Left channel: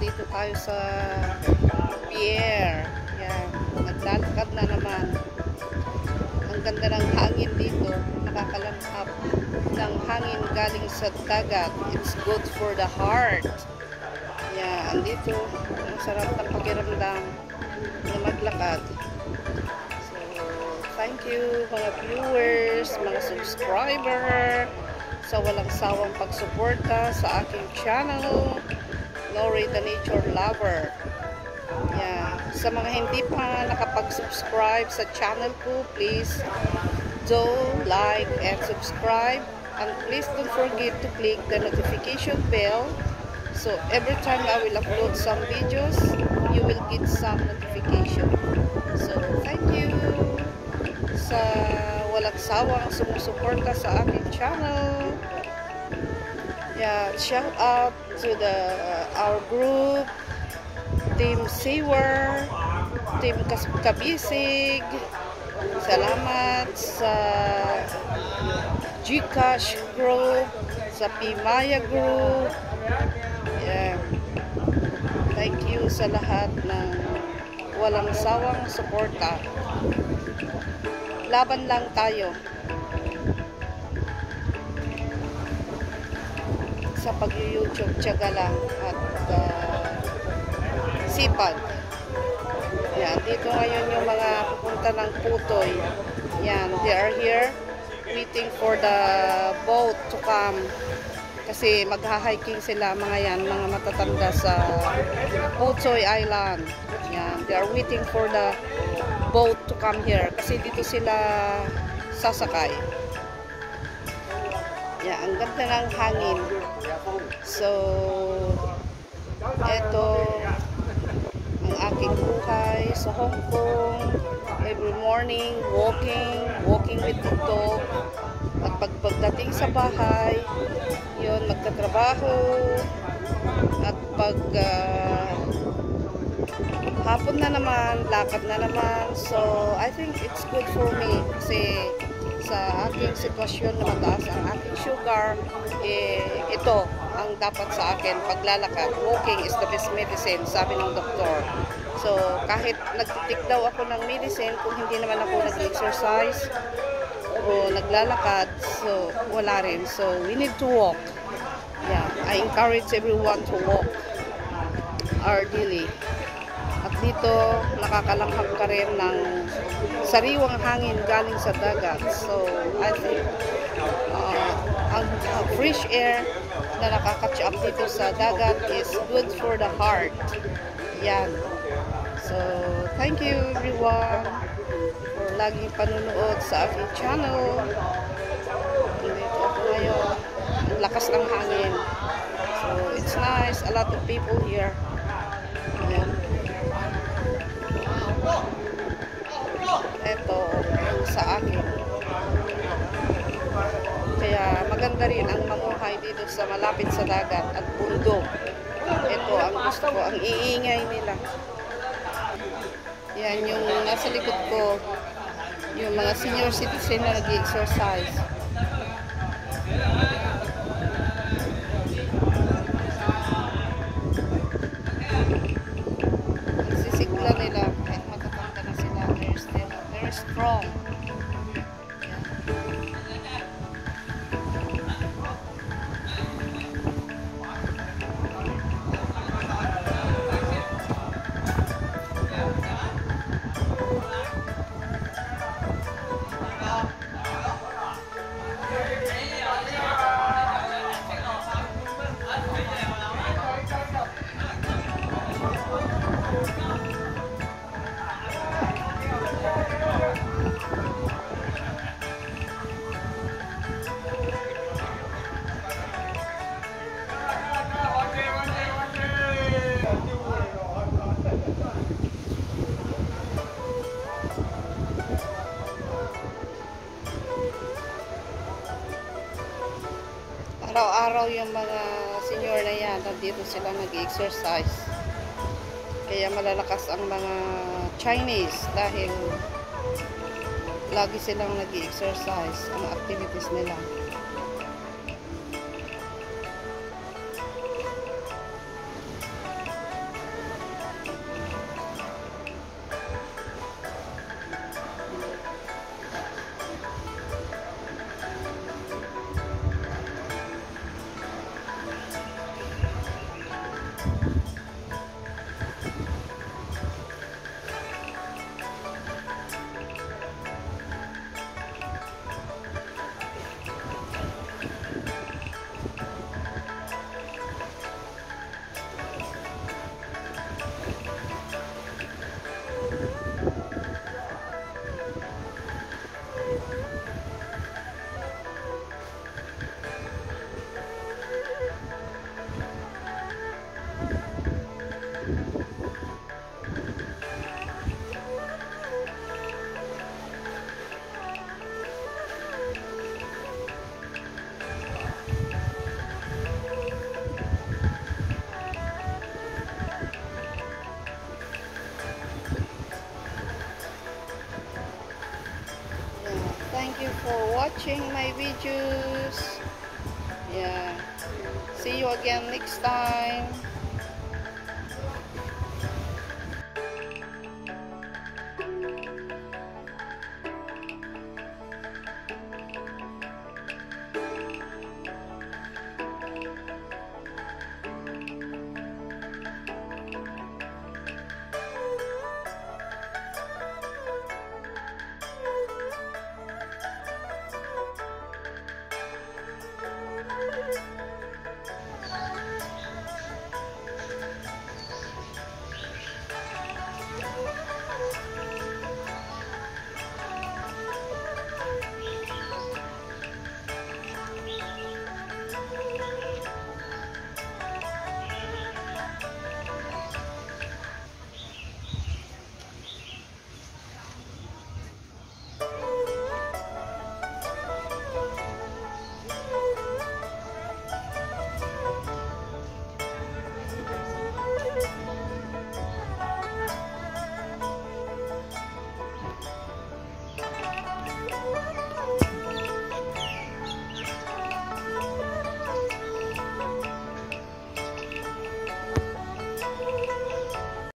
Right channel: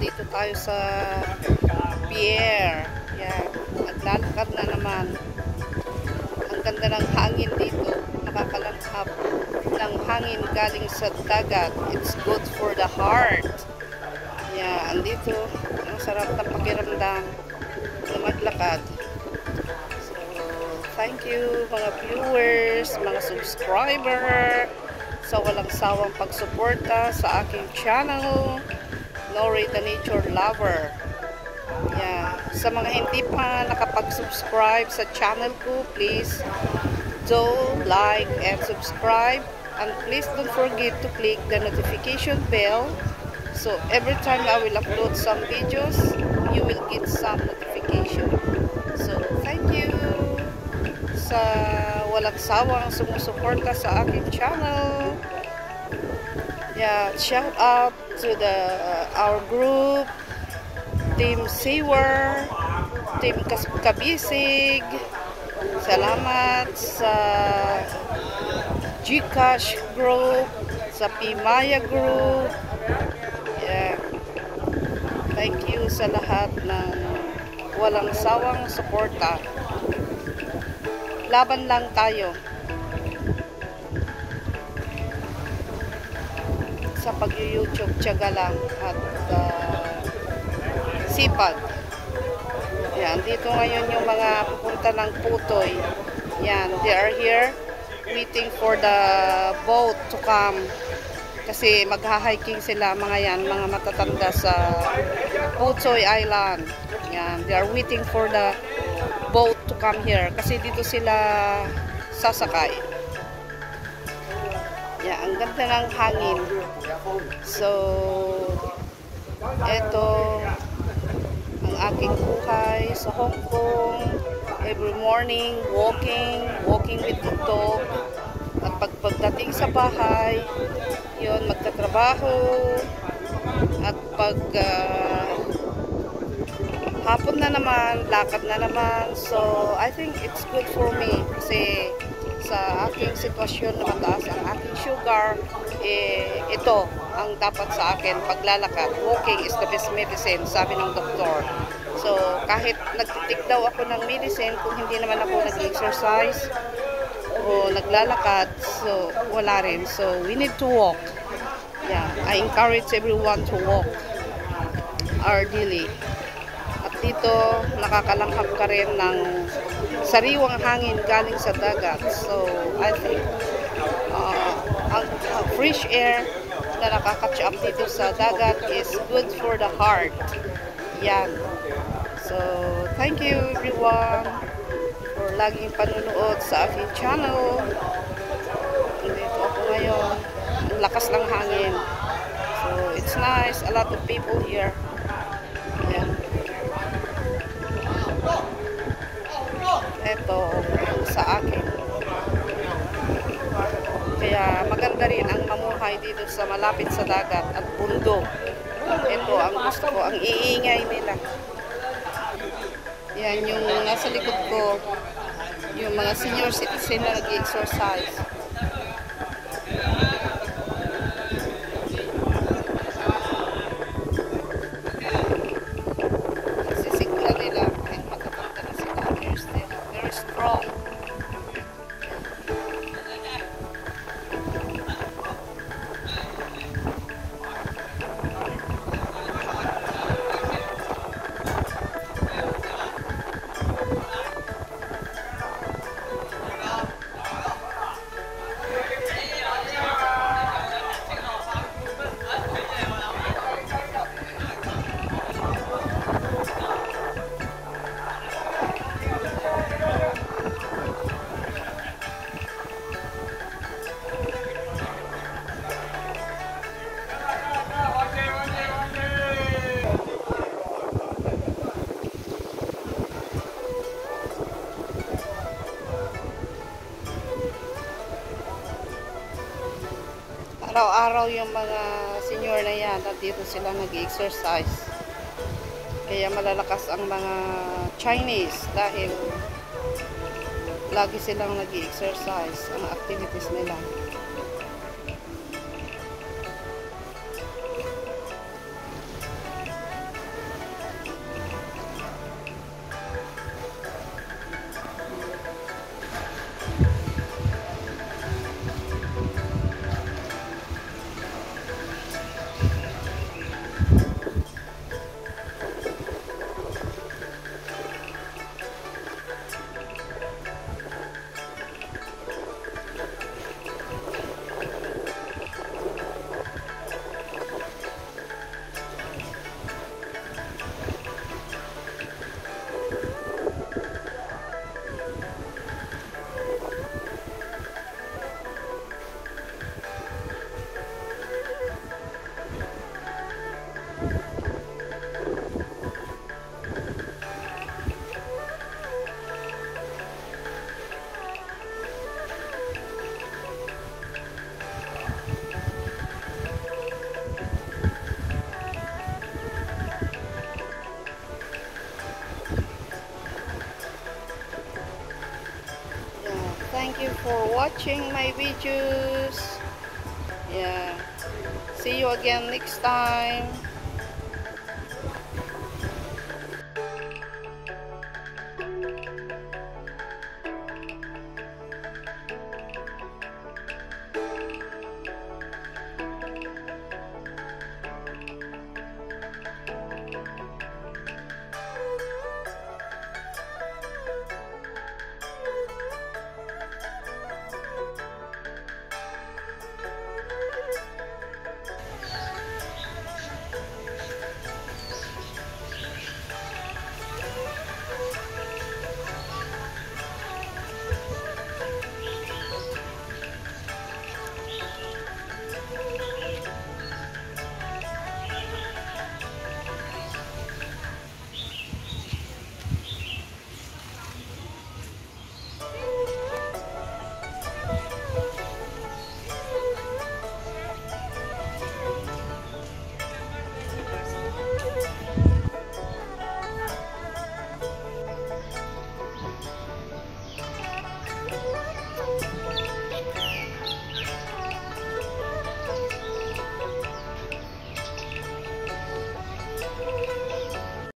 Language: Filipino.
nandito tayo sa pier. Yan, naglalakad na naman. Ang ganda ng hangin dito. Nakakalanghap ng hangin galing sa dagat. It's good for the heart. Yan, andito. Ang sarap ng pakiramdam na maglakad. So, thank you mga viewers, mga subscriber, sa walang sawang pagsuporta sa aking channel, Lori the Nature Lover. Yeah. Sa mga hindi pa nakapag-subscribe sa channel ko, please do like and subscribe, and please don't forget to click the notification bell, so every time I will upload some videos, you will get some notification. So thank you sa walang sawang sumusuporta sa aking channel. Yeah, shout out to our group, Team Sewer, Team Kabisig. Salamat sa Gcash group, sa Pimaya group. Yeah. Thank you sa lahat ng walang sawang suporta. Laban lang tayo sa pag-YouTube, tiyaga lang at sipag. Yan, dito ngayon yung mga pupunta ng Putoy. Yan, they are here waiting for the boat to come. Kasi magha-hiking sila mga yan, mga matatanda sa Putoy Island. Yan, they are waiting for the boat to come here. Kasi dito sila sasakay. Yan, ang ganda ng hangin. So, eto ang aking buhay sa Hong Kong. Every morning, walking with the dog. At pagdating sa bahay, yun, magtatrabaho. At pag hapon na naman, lakad na naman. So, I think it's good for me. Kasi sa aking sitwasyon na mataas ang aking sugar, ito ang dapat sa akin, paglalakad. Walking is the best medicine, sabi ng doktor. So, kahit nagtitik daw ako ng medicine, kung hindi naman ako nag-exercise o naglalakad, so wala rin. So, we need to walk. Yeah, I encourage everyone to walk our daily. At dito, nakakalanghap ka rin ng sariwang hangin galing sa dagat. So, I think ang fresh air na nakaka-catch up dito sa dagat is good for the heart. Yan. So, thank you everyone for laging panunood sa aking channel. Dito ako ngayon. Ang lakas ng hangin. So, it's nice. A lot of people here. Ayan. Ito sa akin. Kaya maganda rin ang mamuhay dito sa malapit sa dagat at bundok. Ito ang gusto ko, ang iingay nila. Yan yung nasa likod ko, yung mga senior citizen na nag-exercise. Nagsisigla nila kahit matatanda na sila. They're strong. Araw-araw yung mga senior na yan, dito sila nag-exercise. Kaya malalakas ang mga Chinese dahil lagi silang nag-exercise ang activities nila. Thank you for watching my videos. Yeah. See you again next time.